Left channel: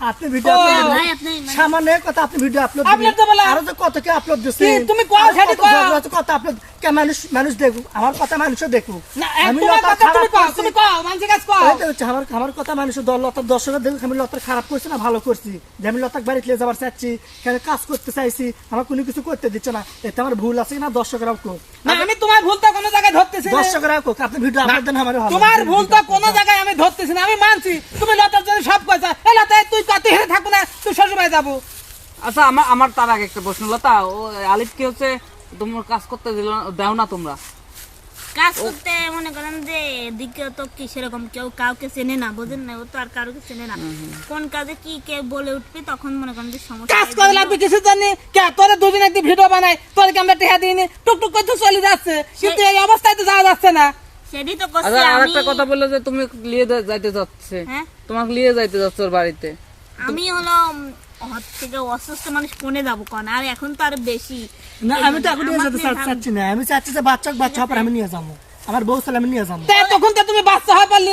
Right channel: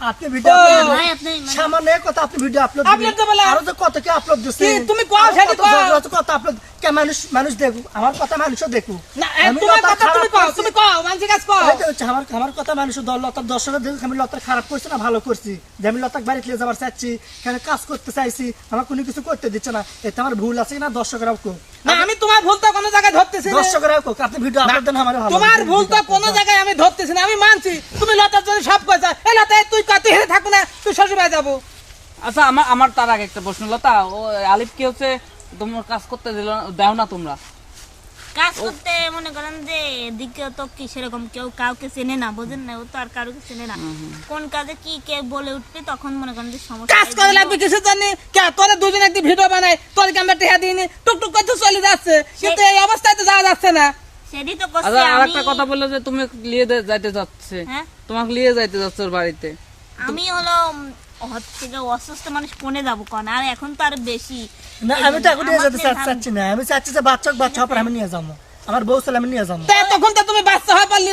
আপনি ভিডিও সামান্য কথা আপনি ভিডিও আপলোড আরো যে কত কে আপলোড দিচ্ছি তুমি কও সেটা কথা আপলোড কে মানুষ দেখুক আমার কথা মানুষও দেখুক আমার কথা মানুষ লতার দর্শকের দেখুক আমি লতার খারাপ করছি না ভালো করছি যে আমি লতার বাড়িতে যাবার চাচ্ছি এখানে কাজ করতে চাইছি আমার কোনো কিছু করতে দিচ্ছে না এতে আমার ভুল আছে না দর্শকরাও কোক আমি তোমার ভুল তো কোনো জায়গায় ধরতেছি না দর্শকরাও কোক আপনি ভিডিও আপলোড দেন আমার ভালো তোমার ভুল তো কোনো জায়গায় আমি ধরতেছি না আমি মানছি তুমি লতার জন্য সব কইছ এই লতা তুই কত হেরে থাকো না তুই শ্বশুর বাড়ি যাবো আচ্ছা আমার তার আগে একটা প্রশ্ন লতা ও আলিফ কি হচ্ছে তোমার কাজ করতে দাও না তোমরা কাজ করতে মনে করেন যে দিকে তো কি সেরকম কেউ কাউকে চেনে না বোঝেন না ও তো আর কাউকে চেনে না কোন কাজে কি কে বলে উঠবে তখন মনে করেন যে সমস্যা কাজ করে লাগবে কিছু জানি কে করে দুজন একটি ভিডিও বানাই তোর ক্যামেরা টেহা দিইনি টুকটুক করে চলে যাচ্ছে কিন্তু এই অবস্থায় তো যাওয়া যাচ্ছে না সেটাই তো করছি আচ্ছা আমি আরেকটা কথা বললো যে তুমি নিয়ে যাইতে যাচ্ছে হ্যাঁ তোমাকে নিয়ে যাইতে যাচ্ছে ওর বাড়িতে আমি হলো হচ্ছে যে অসুস্থ মানুষ কোনে যাবো কোন আর এখন তো আর বেশি না আমি তো এখন নিয়ে যেতে চাচ্ছি না আমি চাচ্ছি যে বাচ্চা হবার আমি নিয়ে যাবো আমার বউ ছেলে আমি নিয়ে যাবো তখন তো তুমি বাচ্চা হয় পারলি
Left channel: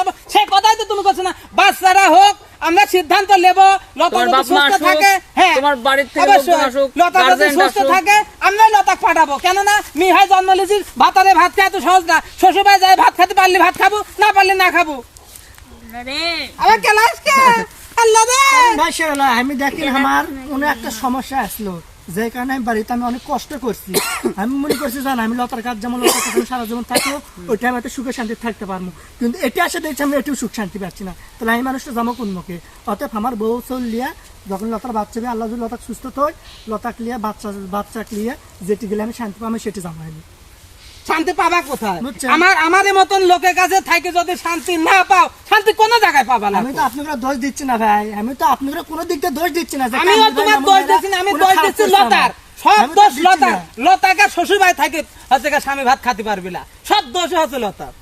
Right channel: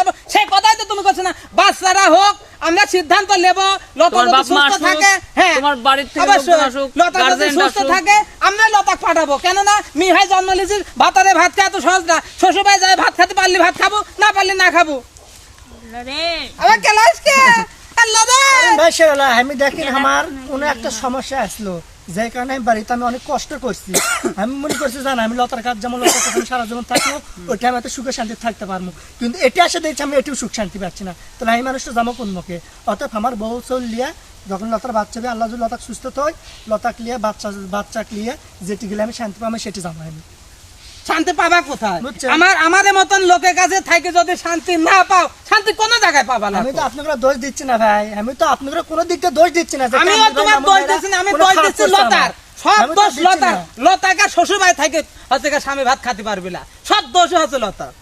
যাবো সেই কথাই তো তুমি করছো না বাচ্চারা হোক আমরা সিদ্ধান্ত নেব লতা তোমার যদি বাপ মা সুস্থ আসুক, থাকে হ্যাঁ তোমার বাড়ির থেকে অবশ্যই। লোকজন আসুক, লতা যদি গার্জেন সুস্থ আসুক। থাকে আমরা লতা পাঠাবো কেননা মিহাই জন্ম নিয়েছিস ভাতারে ভাত খায় তো সহজ না শ্বশুর বাড়ি যায় ভাত খেতে পারলি ভাত খাবো না পারলি না খাবো রে আমার ক্লাস কে আল্লাহ রে মাশাআল্লাহ আমি দেখি আমার কোনো একটা সমস্যা আসলো যে কারণে আমি বাড়িতে আমি অনেক কষ্ট করছি আমি মনে করছি জান আমি লতার কাজ যেমন লতার কাছে সারা জীবন থাকবো ওইটা আমি এত সুখে শান্তি থাকতে পারবো কিন্তু এটা আসে দেখছি আমি এটিও সুখ শান্তি পাচ্ছি না তাহলে আমি মানুষটা যাবো অন্যকে অতএব আমার বউ চলিয়া যখন লতার বাচ্চা দিয়ে আল্লাহ যদি লতাক সুস্থ হয় লতাক লিয়া বাচ্চা লিয়া যেটি গেলে আমি শান্তি পাবো সেটি যাবো আমি শান্তি পাবা কোথায় বুঝছেন? আমাদের মতন লোকের কাছে থাকে যদি শান্তি না পাও শান্তি কোন জায়গায় পাবা না আমি তো আপনাকে দোষ দিচ্ছি না ভাই আমি তো আপনাকে কোনো দিক দিয়ে দোষ দিচ্ছি না যে আমিও কামরুল তোমার ভাই, দোষ দিচ্ছি না আমি কোনো দোষ খারাপ দিচ্ছি করছে লতার আমার। সব আমি তো দোষ দিচ্ছি লতার না। লতাকে শ্বশুর বাড়ি থাকে হচ্ছে স্বামী ভাত খাতে পারবি না সব দোষ হচ্ছে লতার